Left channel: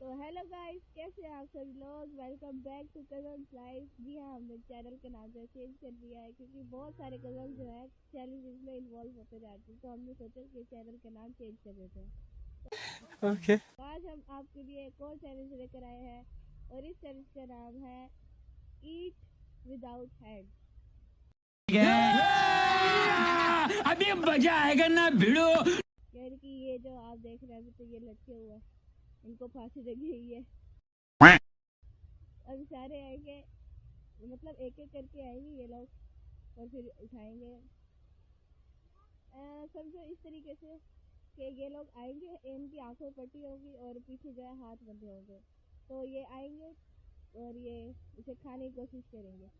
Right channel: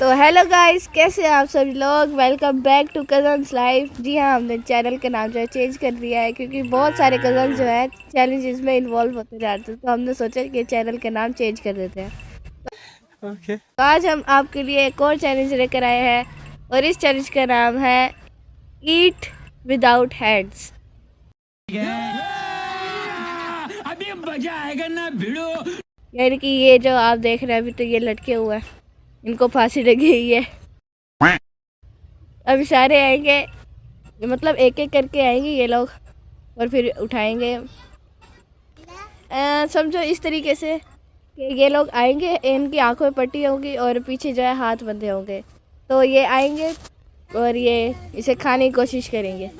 तो hello guys, कैसे हैं आप सभी लोग। Welcome back to cousins life. जी हाँ, हमने चैनल का नाम जो है चेंज कर दिया है क्योंकि बहुत सारे कज़न जो है चैलेंजेस में इन्वॉल्व होते जाते हैं, तो हमने सोचा कि चैनल का नाम चेंज कर देते हैं। तो आज हम आपके लिए एक और चैलेंज लेकर आए हैं और इस चैलेंज का नाम है ईट विदाउट हैंड्स। अभी मजा आएगा ना भिड़ो। यानी कि ये जो आप देख रहे हैं अभी तो ये लटके हुए हैं, इनको फांसी लगी हुई है। अभी सारे आएंगे, मतलब एक एक करके आएंगे ये लोग और फिर उठाएंगे। समझो इस तरीके से कि ये लोग आएंगे, इनकी आंखों में पट्टी होगी और पीछे जो है हाथ बंधे होंगे। तो ये आएंगे और ये इसे खाने की कोशिश करेंगे।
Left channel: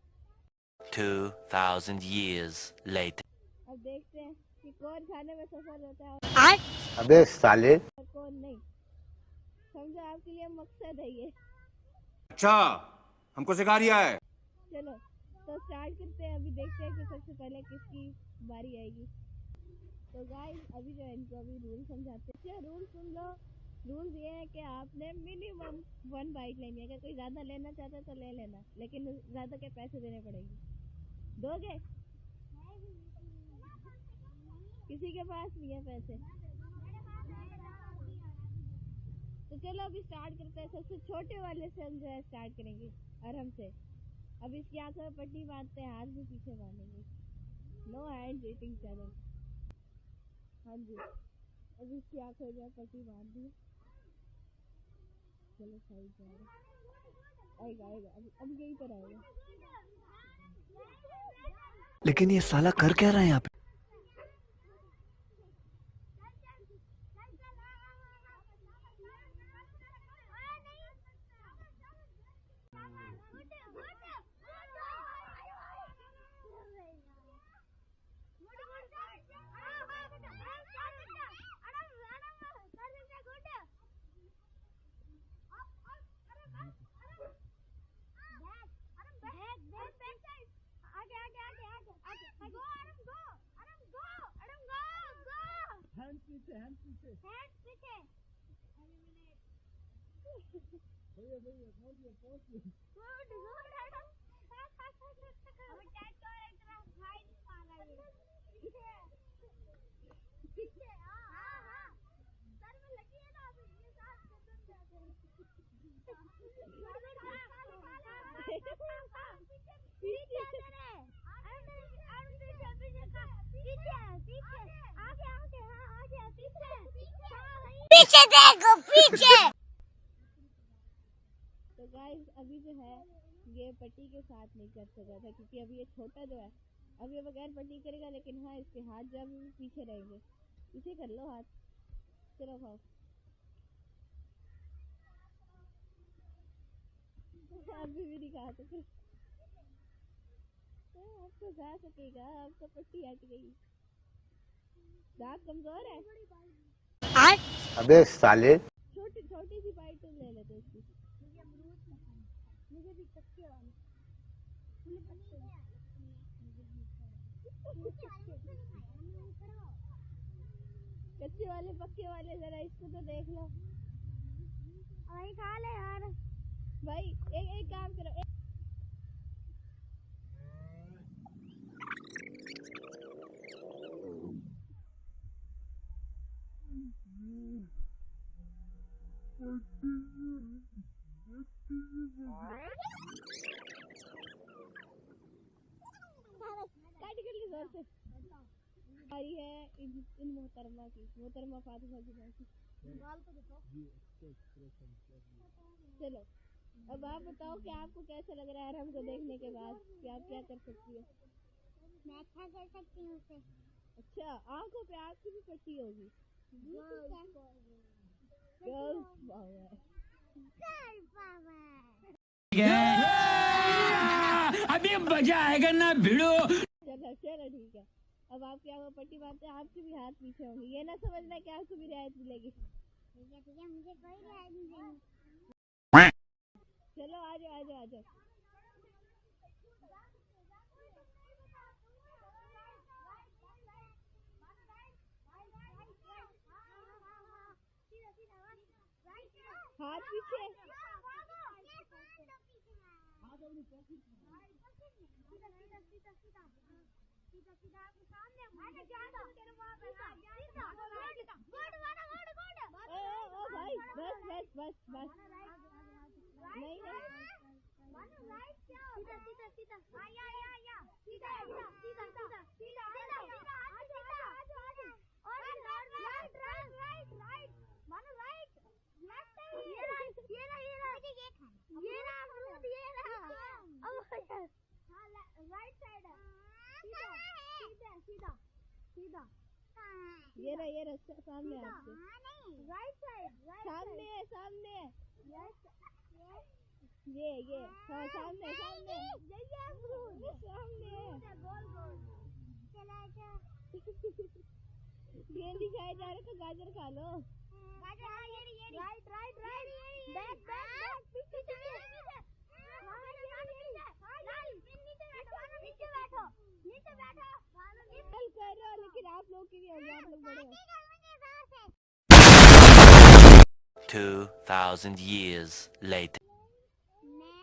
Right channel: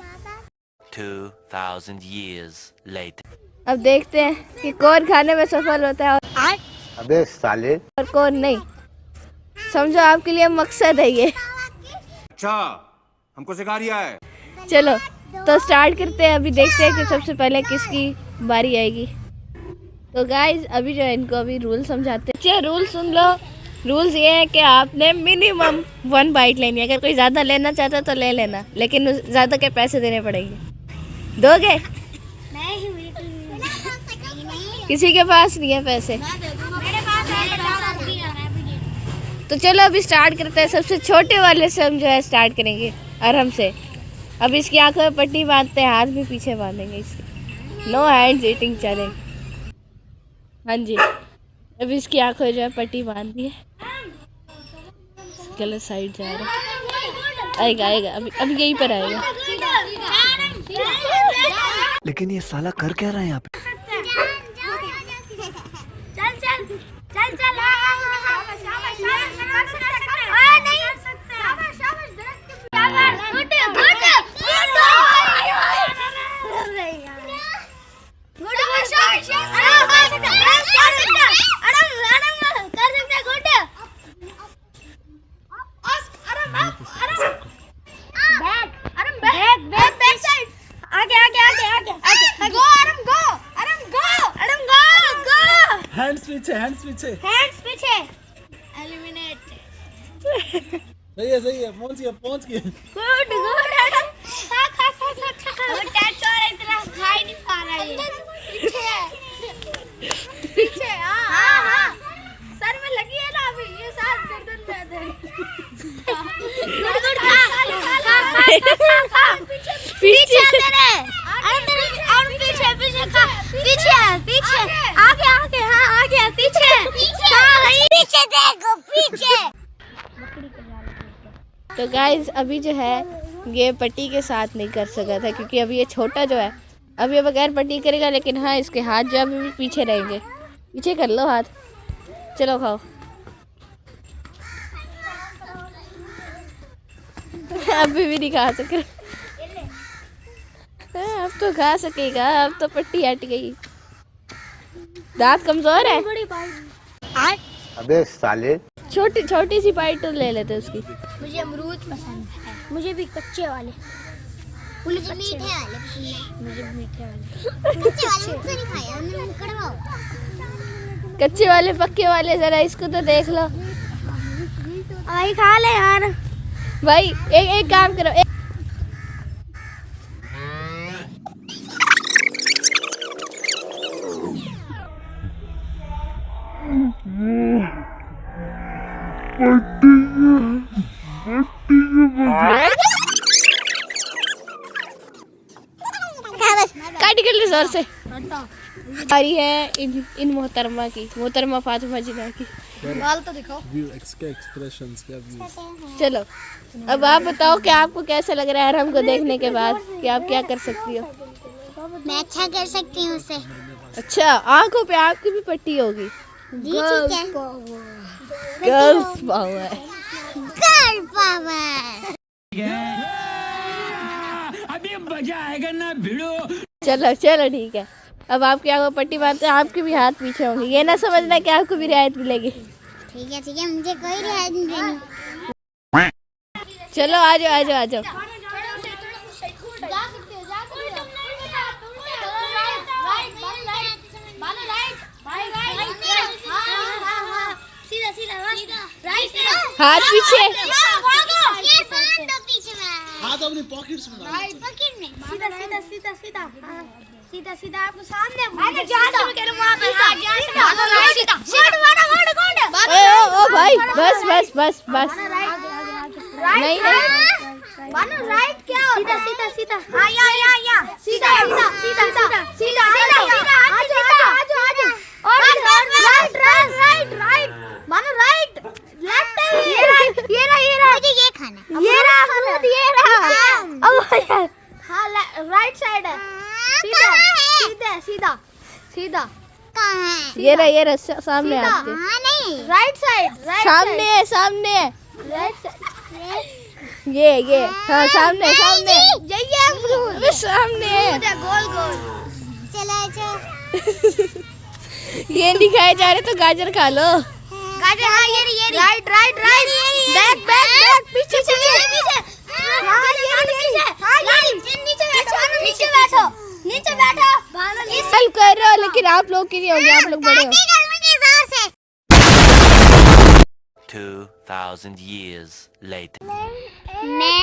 2000 years later. अब देखते हैं कि कौन खाने में सफल होता है और अबे साले और कौन नहीं। समझो आपके लिए मकसद है ये। अच्छा, हमको सिखा रिया है। चलो तो स्टार्ट करते हैं। अभी देखते हैं कि सबसे पहले किसकी बारी आएगी। तो गाइज अभी जो है इनको अभी रूल समझाते हैं। अच्छा, रूल सुन लो। रूल्स ये है कि आपने मिनिमम 1 बाइट लेनी है। अगर कोई ज़्यादा लेना चाहता है तो ले लेना, लेकिन ज़्यादा के पैसे देने पड़ेंगे। दोगे? किसी के पास नहीं है पैसे। तो चलो अभी स्टार्ट करते हैं। सबसे छोटे वाले से हम जो है स्टार्ट करेंगे, आराम से। अब इसकी आंखों में पट्टी बांधते हैं, हाथ भी पीछे बांधेंगे इसके। No hands eating challenge. हाँ जी, अभी इसकी आंखों में जो है पट्टी बांध दी है। गलत साइड जा रहा है। आएगा आएगा, अभी यहीं पर आएगा। लेकिन ये साला कर क्या रहा है यहाँ पे? हैंड्स पीछे एलिमिनेट। सही है पहुंच गए। गुड खा वो टैटू और इतना खा ही नहीं पा रहा है। पीछे हां सर में लगी है ना अभी, ये साथ गर्दन पे है। गुड खा पीछे तेरे। अरे तेरे और पीछे खा। पीछे आगे हां आगे पीछे देखो पीछे। तो गाइज अभी जो है ये पट्टी के साथ नहीं कर सका था क्योंकि अभी ये छोटा जो है अभी ये बगैर पट्टी करेगा, लेकिन हाँ इसके हाथ जो अभी भी पीछे रहेंगे। पीछे कर लो हाथ। चलो खाओ। अभी भी नहीं खा सके। अब तो खा सकेगा, अब तो पट्टी हट गई। दांत कमजोर है। अबे साले छोटी सी बाइट तो ले लेते उसकी। मुझे अमरूद पसंद है। मुझे भी कच्चे वाले। मुझे मीठे वाले पसंद है। मुझे मीठे वाले मुझसे नहीं खाया हमने, कड़वा। कच्चे वाले पक्के वाले जरा इसको तो देख लो भाई, खा ले यार भाई। एक काम करो, काटी कर ली जोर से। आ रही है इन मोहतरमा की, मोहतरमा फातिमा जिना की। बाल तो दिखाओ। एक्सप्रेशंस क्या व्यूज। चलो अब आप बताओ कि आपको कैसा लग रहा है हरम को देखने के बाद, कि आप क्या कर सकती हो। मैं अच्छा कर सकती हूँ उसे। अच्छा, आंखों पे आपकी भी पट्टी होगी। Girls power. Girl power. अभी मजा आएगा ना भिड़ो। चलो ठीक है। अब आपकी आंखों पट्टी बांधते हैं, आपके भी हाथ पीछे होंगे। ये ना समझना कि आपको भी रियायत मिलेगी। ठीक है मुझे कोई रियायत नहीं देनी। चलो आ जाओ। सीधा सीधा राइट हाथ पीछे। ये बांध दो पीछे में हाथ अपनी पॉकेट्स में डालो। पॉकेट में सीधा सीधा सीधा सीधा सीधा सीधा आपको सामने अरे जहां से मैं कह रहा हूं वहां पे हां जहां से सीधा सीधा वाड़ा ओ भाई बस बस बस बस। नहीं नहीं बानो राइट क्या सीधा सीधा सीधा हां या सीधा सीधा सीधा सीधा सीधा सीधा आजो आजो आजो और right right right right Bano right left ये रहा मुझे ये खाना ये रहा अमरूद ये रहा अब हां राइट साइड है सीधा सीधा सीधा सीधा कहां है ये रहा सामने आपके। हां नहीं राइट साइड सामने है सामने है राइट साइड ये हाँ सामने सामने ये अमरूद अबे सामने है। गोल गोल चलो चलो ये नहीं खाए जा रहे तो गाजर खा लो। गाजर हां ये right right right back back back पीछे पीछे हां ये नीचे बैठो नीचे बैठो हेल्प कर रहे हो लेकिन आप लोग की नहीं होगी, आप लोग बड़े हो। 2000 years later. मैं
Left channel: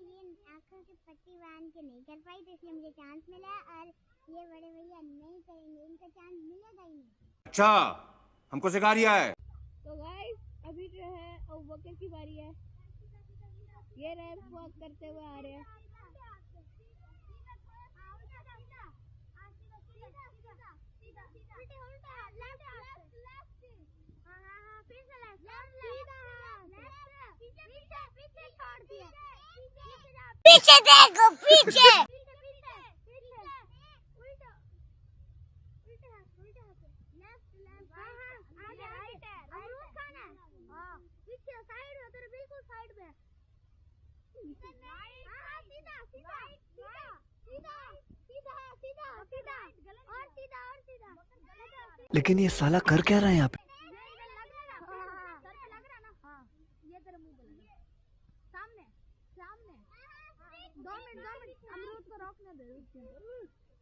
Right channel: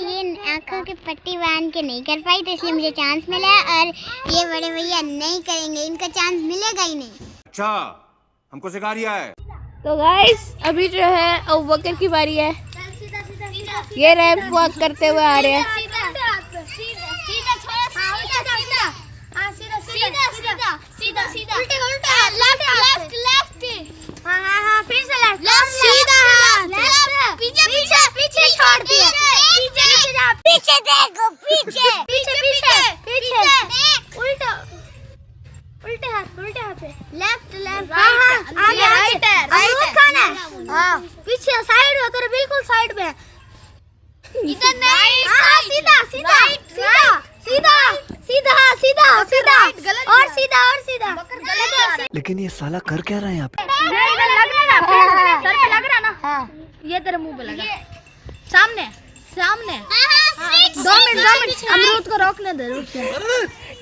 ये आंखों की पट्टी बांध के नहीं कर पाई तो इसलिए मुझे चांस मिला और ये बड़े भैया नहीं करेंगे, इनका चांस मिलेगा ही नहीं। अच्छा हमको सिखा रिया है। तो गाइस अभी जो है अबू बकर की बारी है। ये रैंप वॉक करते हुए आ रहे हैं। फिर से लेफ्ट सीधा हाथ पीछे पीछे पीछे छोड़ दिया पीछे देखो पीछे पीछे पीछे पीछे उल्टा उल्टे हाथ पे लेफ्ट लेफ्ट आगे राइट है राइट खाना हां पीछे साइड हो तेरे बिल्कुल साइड में इधर नहीं सीधा सीधा सीधा सीधा सीधा सीधा और सीधा लेकिन ये साला कर क्या रहा है यहाँ पे? सर पे लग रहा ना हाँ ये तेरे मुंह पे लगा सामने सामने 2 मिनट अमरूद को रोकने दे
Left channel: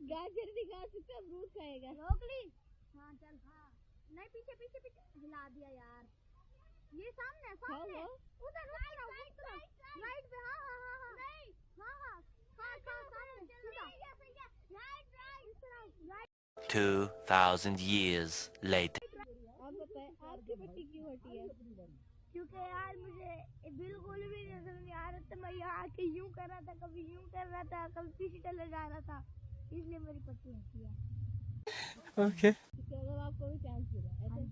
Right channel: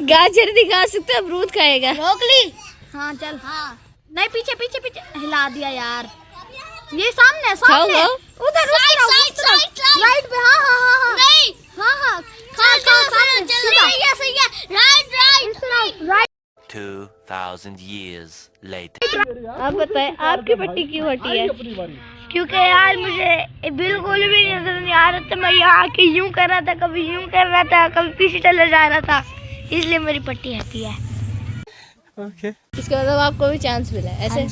गाजर दिखा सकते अमरूद खाएगा। रोक ली हाँ चल हाँ नहीं पीछे पीछे पीछे हिला दिया यार ये सामने सामने उधर राइट पे हाँ हाँ हाँ हाँ नहीं हाँ हाँ सही है राइट 2000 years later. आप बताएं आपकी पट्टी क्यों हटी है? क्योंकि यार मुझे बिल्कुल भी नजर नहीं आ रहा था, मैं यहाँ आके यूं कर रहा था, कभी यूं कर रहा था, कभी पीछे चले जा रहा था, इसलिए मेरी पट्टी हटी है। Okay. इसका मतलब आपको भी चांस मिला है ऐसे।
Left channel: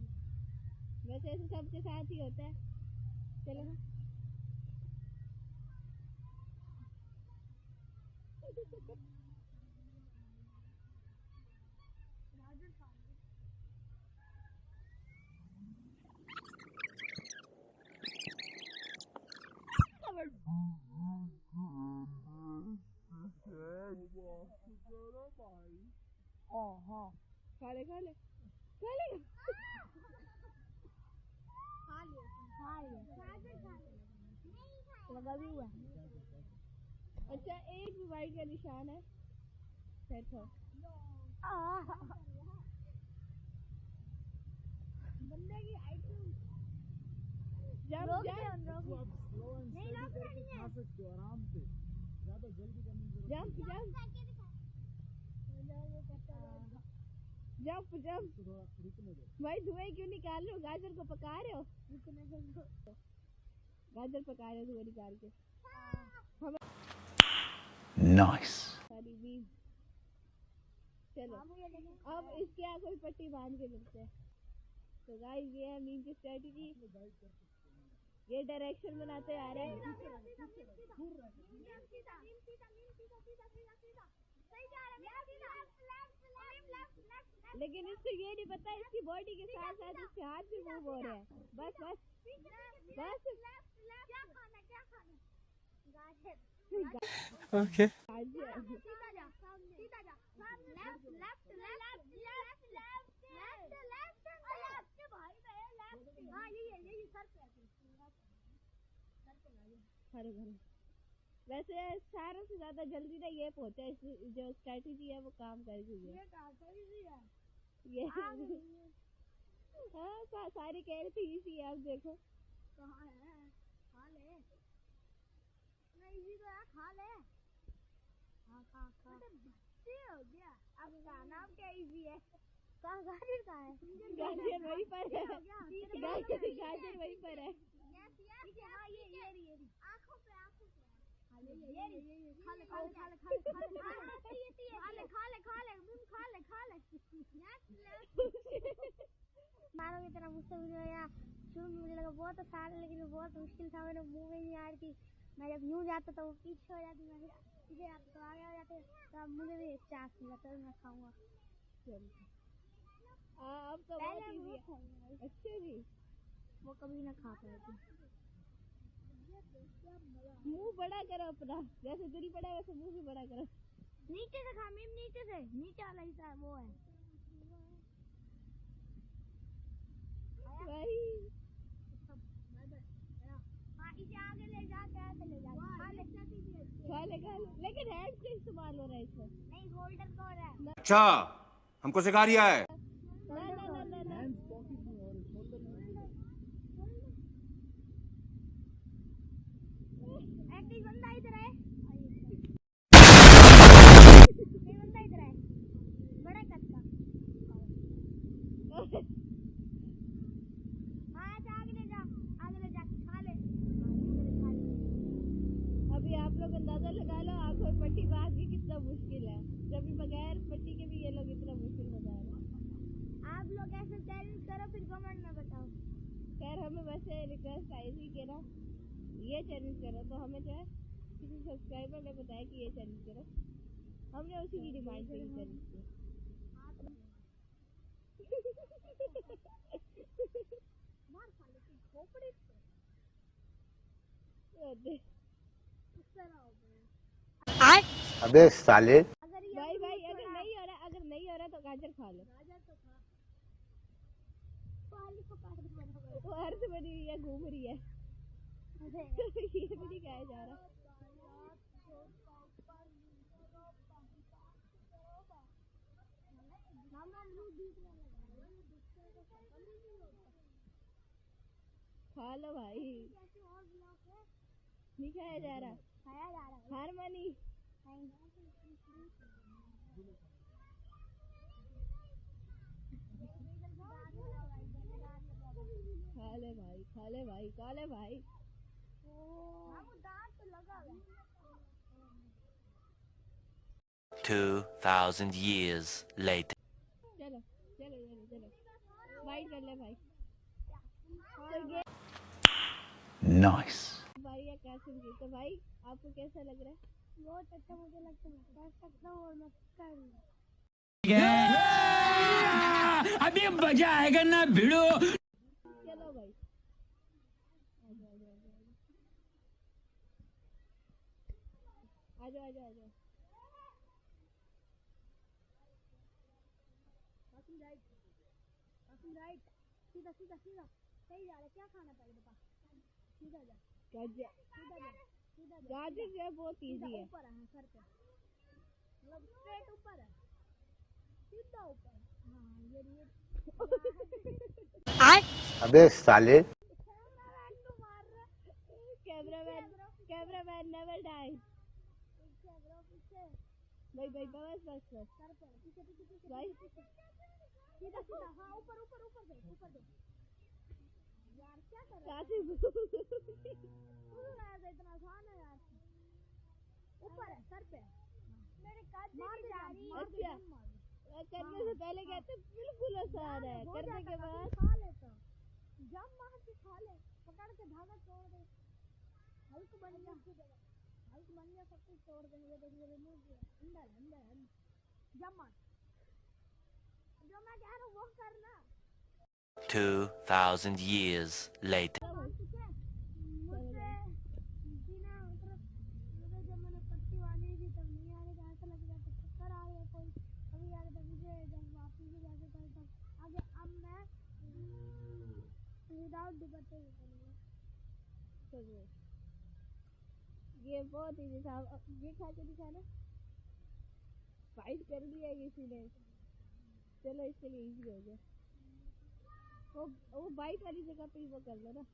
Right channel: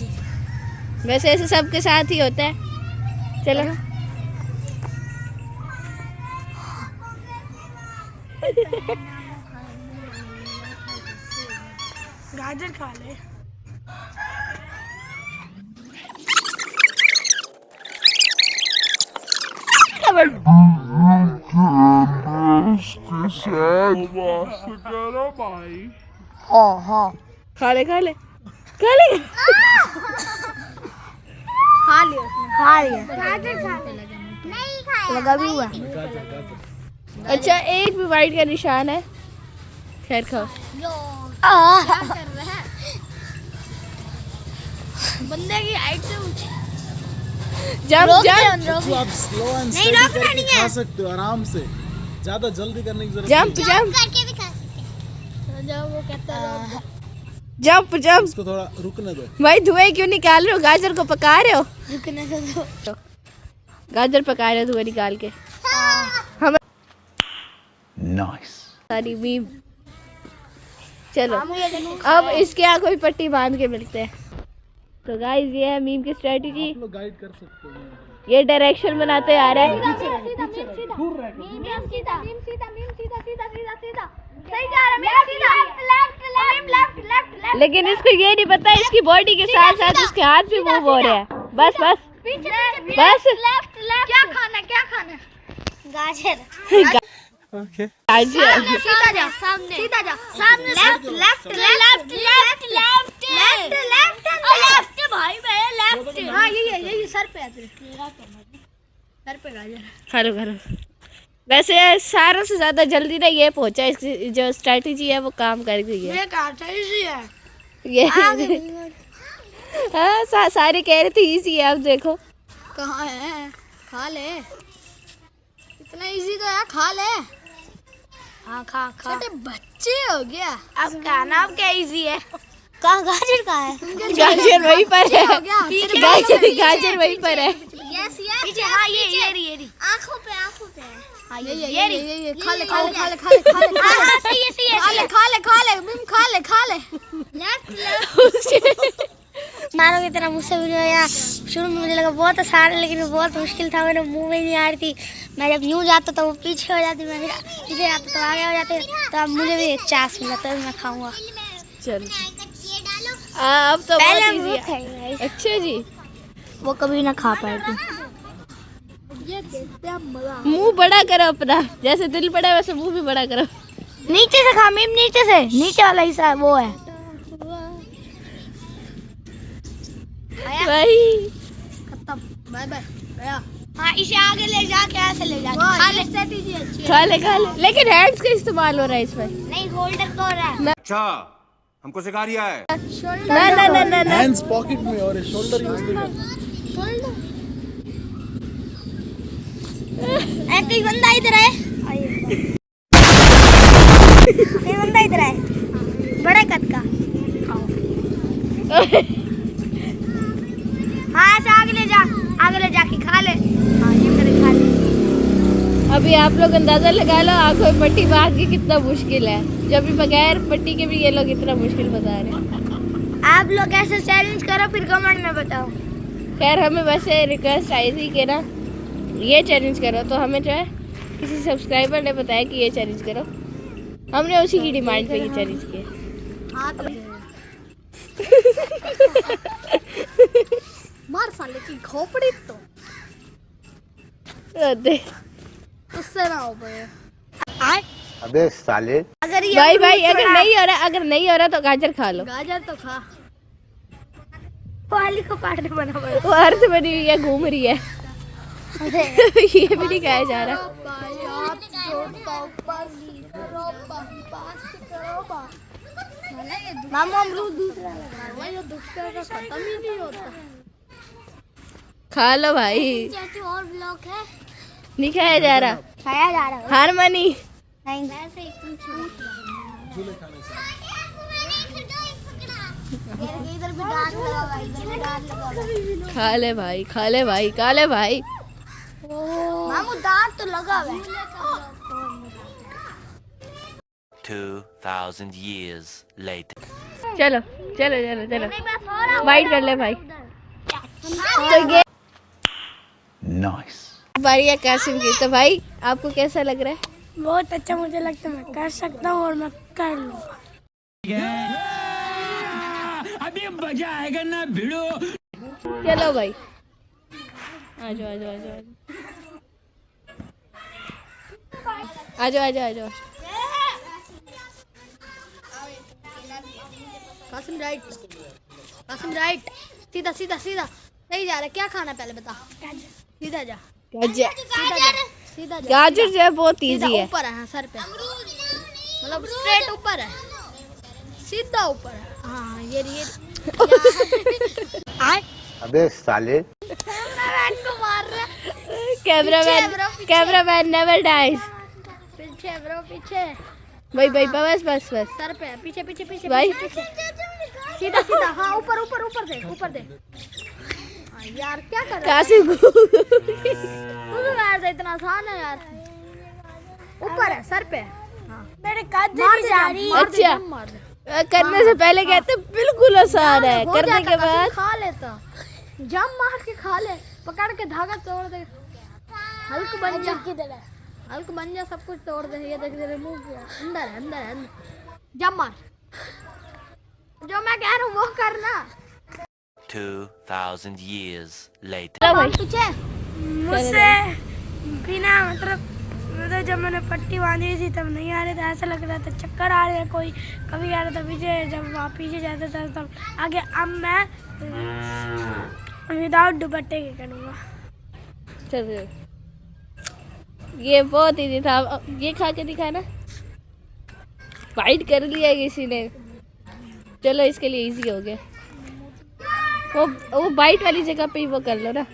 वैसे ऐसे सबके साथ ही होता है। चलो गाजर खा ले। खा ले खा लिया गाजर खा नहीं खाया लगा भी हुआ। अच्छा एक भी वाइट का निशान है। खैर खाओ। बंदे की हाइट से ऊंची जंप जंप तो आप स्लो एंड नहीं, स्टेडी रोकना करके नहीं है। खा सकते हो आराम से, ज्यादा जल्दी करने की जरूरत जंप नहीं जंप करके भी खा सकते हैं। जब वो कहता है जंप है। जंप। इसको थोड़ा रुकने दो। भाई धुएं क्यों निकाल रहे हो? गाजर को पका रहे हो? रुकने दो। गाजर पका रहे हो धुएं निकाल के। हम नाइस। सारी मीम। चलो अब इसके यहाँ कोई पट्टी बांध के मिलते हैं। तो गाइस ये है मीम की स्ट्रेटजी। आप लोग गाइड कर सकते हो। ये डायरेक्शन बनाते आ रहे हैं। लेकिन इसको ये नहीं पता इसकी बॉडी के साथ साथ इसके हाथ भी मूव हो रहे हैं। बस बस बस क्या खाना गाजर Okay. गाजर। सीधा जा सामने लेफ्ट भाई मैं लेफ्ट हाँ यही सर पे सर पे गाजर खरो खरो। वैसे सारों से ज्यादा जल्दी ना ये पहुंचा। इसकी जो स्ट्रेटजी है वो काम कर गई है। ये काटा इजी है ये हाँ सारे कह रहे थे इजी है, आप देखो। कहाँ है? खा ले, इतना इजी तो है, खा ले। हाँ खा खा, छोटे बच्चे हो गया। अब क्या नाम क्या इजी है? कहाँ गाजर कहाँ है? गाजर वहीं पर है, हो गया। गाजर वहीं पर है। यस यस पीछे, हाँ ये रही। आँखों पे हाँ ये खा ले खा ले खा ले खा ले खा ले हाँ सही है खा ले मिम खा ले मारो की तरह मुझसे वीडियो यार शुरू में मुझे लगा बहुत आसान है, लेकिन बहुत मुश्किल था, मेरे मुंह में नहीं आ रही थी। मैं जब यूँ जाता तो वो पीछे हो जाती, मैं फिर पीछे जाता तो आगे हो जाते। तो अब मुझे भी एक चांस मिला तो मैं खाऊंगा। चल अब तो पहले बहुत हम इजी वो है। खाएंगे, अच्छा जी, वो कभी ना खा पाएगी। मुंह बड़ा करो अपना, जैसे दिल बड़ा है वैसे मुंह भी बड़ा करो। नीचे से खा मिम, नीचे से, नीचे वाला हिस्सा वो है भाई। खत्म, बाय बाय गया। हाँ इसे आगे ले जाके ऐसे ले जाके खा ले, स्ट्रेटजी अच्छी है। खा ले लेकिन हैंड्स का इस्तेमाल हो रहा है इसमें। नहीं होल्डर को हो रहा है। अच्छा हमको सिखा रिया है। ना हैंड्स पॉकेट में और शोल्डर यूज नहीं करना। कोई बंदा इधर है, कोई बंदा इधर है, बड़े कद का। हाँ ऐसे आगे ले जाके खा ले। हाँ ये करे खा ले। अभी आप लोग अंदाजा लगा लो आंखों में पट्टी बांध के कितना मुश्किल है, जब भी बगैर पट्टी के भी ये लोग इतना मुश्किल बता रहे हैं। आप लोग ऐसे चैलेंज करो फिर कमेंट में बताओ। खैर हमें वैसे रिक्वेस्ट आई थी कि ना ये चैलेंज करो, तो हमें जो है किसी सब्सक्राइबर ने बताया कि ये चैलेंज करो, हमने उसी की डिमांड पे ये चैलेंज किया। हाँ तो मार साले की खोपड़ी तो देख उससे ना हो पाए। अबे साले। अगर ये भाई अगर नहीं हो रहा तो गाजर खा लो। गाजर तो खा, वाली को पार्ट बना पड़ा। वो अर्थ बनी हुई है, घूम रही है। ये भी नहीं खाया जा रहा। मामा अमरूद दूसरा लगा, ये दूसरा का खत्म ही नहीं होता। खा लो भाई, और ब्लॉक है, नहीं खाया जा रहा। खाया जा रहा है। हार मानी। नहीं वैसे ही कुछ इधर भी डांट लगा भाई, इधर भी डांट लगा। खा ले भाई। मामू दांत तो लगा हुआ है। 2,000 years later. चलो वाइट कर ले भाई। तो ये नाइस। बारी है कासिम की। तो भाई आपको कैसा लग रहा है? बहुत अच्छा मुझे लगता है, मैं कर सकता हूँ और मैं कर लूँगा। अभी मजा आएगा ना भिड़ो। चलो भाई आ जाओ। कासिम राइट, सीधा सही जा रहा है। क्या खाना पहले बता। सीधा जा, गाजर जो है बहुत इजी है। ऊपर है, हाँ, सर पे, मतलब स्ट्रेट ऊपर है, सीधा ऊपर है। हाँ ये अबे साले। को मार रहा है। Cameraman never dies. पीछे ब्रो, पीछे भाई बस सर पे, पीछे भाई। सीधा हाँ ऊपर दे। हाँ, यार क्या कर रहा है कासिम को तू भी मार दे, इतना आसान है यार। ऊपर है सर पे। हाँ मेरे काट दे जा रही। अच्छा करने से पहले कहते बिल्कुल आसान है, करने के बाद खा लेता, जम मार के खा ले, पकड़ के धागा तोड़ दे, हल्क बन जा, सब कुछ तोड़ दे। ये देख तेरे मुंह के अंदर है, जम मार, जो मैं कह रहा हूँ वो करना। 2,000 years later. पीछे मुझसे बिना मतलब जब मैंने पट्टी बांधी हुई थी तब नहीं आ रहे थे, ऐसा लग रहा था चक्कर आ रहे हैं, कोई कभी आ रहा था पीछे, जब वहाँ पीछे जाता था तब आगे। अब मैं विदाउट दुपट्टे के करूँगा। चलो ये बहुत इजी था। अब ये खा के दिखाना। फाइट कर लिया किसी ने, चलो इसके लिए इजी हो गया। वो बाइट वाली जगह पे ही वो कर लो ना।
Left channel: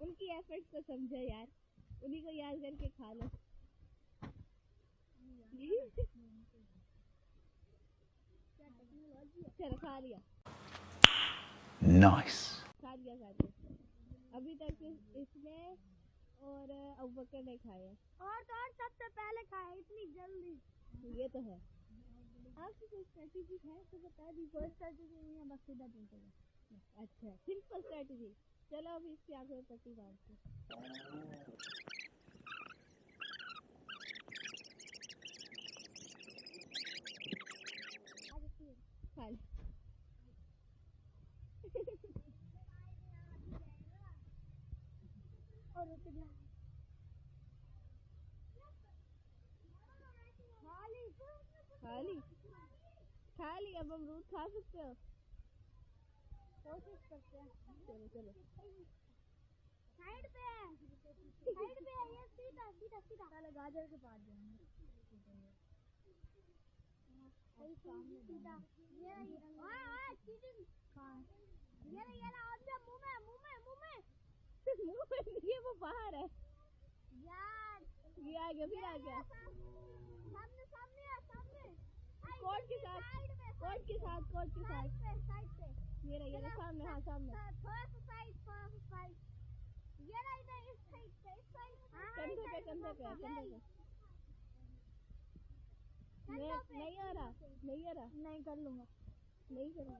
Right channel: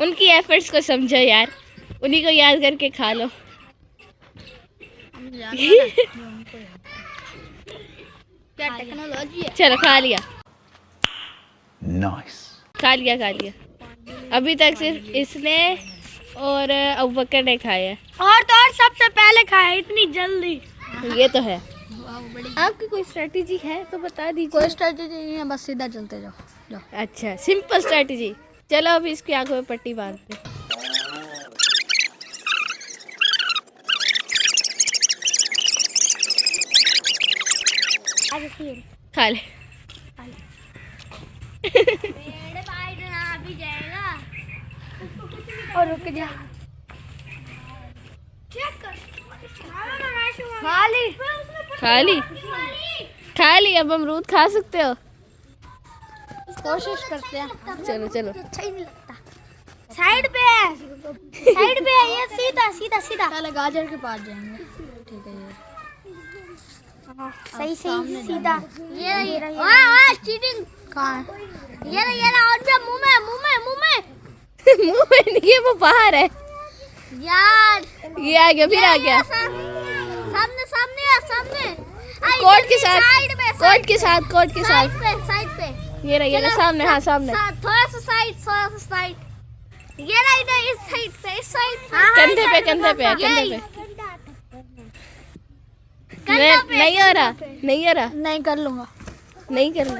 उनकी एफर्ट्स को समझो यार, उन्हीं को याद करके खा लो। क्या टेक्नोलॉजी है। चलो खा लिया, Nice. खा लिया, खा लिया। अभी तक सिर्फ इसने और अबूबकर ने खाया है। और तो और सबसे पहले खाया इतनी जल्दी। ये तो है। आपकी कोई स्ट्रेटेजी है तो बता दीजिए। कोई स्ट्रेटेजी नहीं है, बस सीधा चलते जाओ। अच्छा, सिंपल स्ट्रेटेजी। चलो अभी इसकी आंखों में पट्टी बांधते हैं। खा ले। और रुक जा। खाली खा ली, खा ली। अब अमरूद खा सकते हो। कोशिश करते हैं। चलो चलो। अच्छा ही नहीं लगता। साइड पे है, साइड पे है। ये सीधा सीधा सीधा। पहले गाजर के पास जाएंगे। ठीक है, ये सही सही सीधा। ये वाह चीटिंग। कहाँ है? ये और जा मुंह में मुंह में मुंह में। मुंह में नहीं है, वो बाहर है। यार ये आ गया, फिर आ गया। सामने सामने सामने। कोट के साथ, साइड में कोट के साथ, कोट के साथ। साइड पे। ये रहा सामने। हाँ सामने। थोड़ा सा साइड, थोड़ा सा साइड। ये रहा इधर, इस साइड पे, इस साइड पे। कंधे पे, कंधे पे, कंधे पे। नहीं हो रहा, नहीं हो रहा, नहीं कर लूंगा। नहीं कर रहा।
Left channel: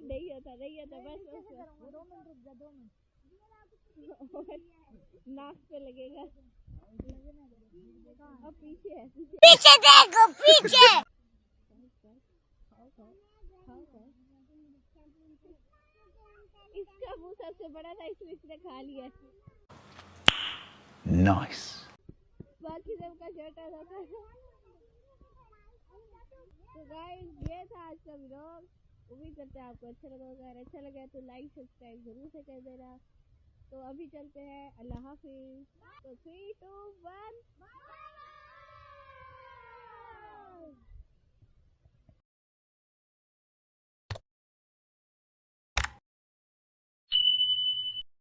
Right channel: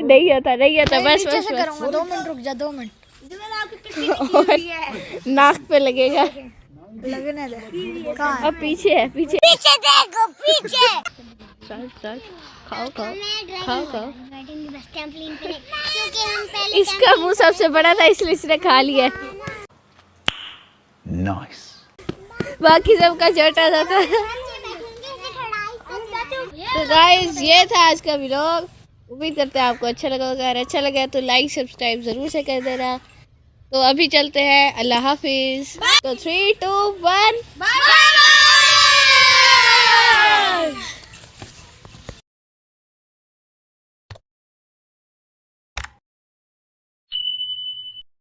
नहीं होता, नहीं होता। बस नीचे बस से बस। करूंगा। 2 मिनट रुक जा, 2 मिनट। और नाक पे लगेगा। लगने दे। कहाँ है? अब पीछे है, पीछे। पीछे देखो, पीछे। चल चल, खाओ खाओ खाओ खाओ। क्योंकि हम पहले इसका मुंह सबसे बड़ा था इसलिए इसने खा लिया। Nice. बाकी सबका छोटा सा था। तो गाइस ये था आज का व्लॉग। उम्मीद करते हैं आपको अच्छा लगा होगा। अगर अच्छा लगा तो लाइक सब्सक्राइब जरूर से कर देना। तो अभी चलते हैं, अल्लाह हाफिज। तो 3 2 1 बाय।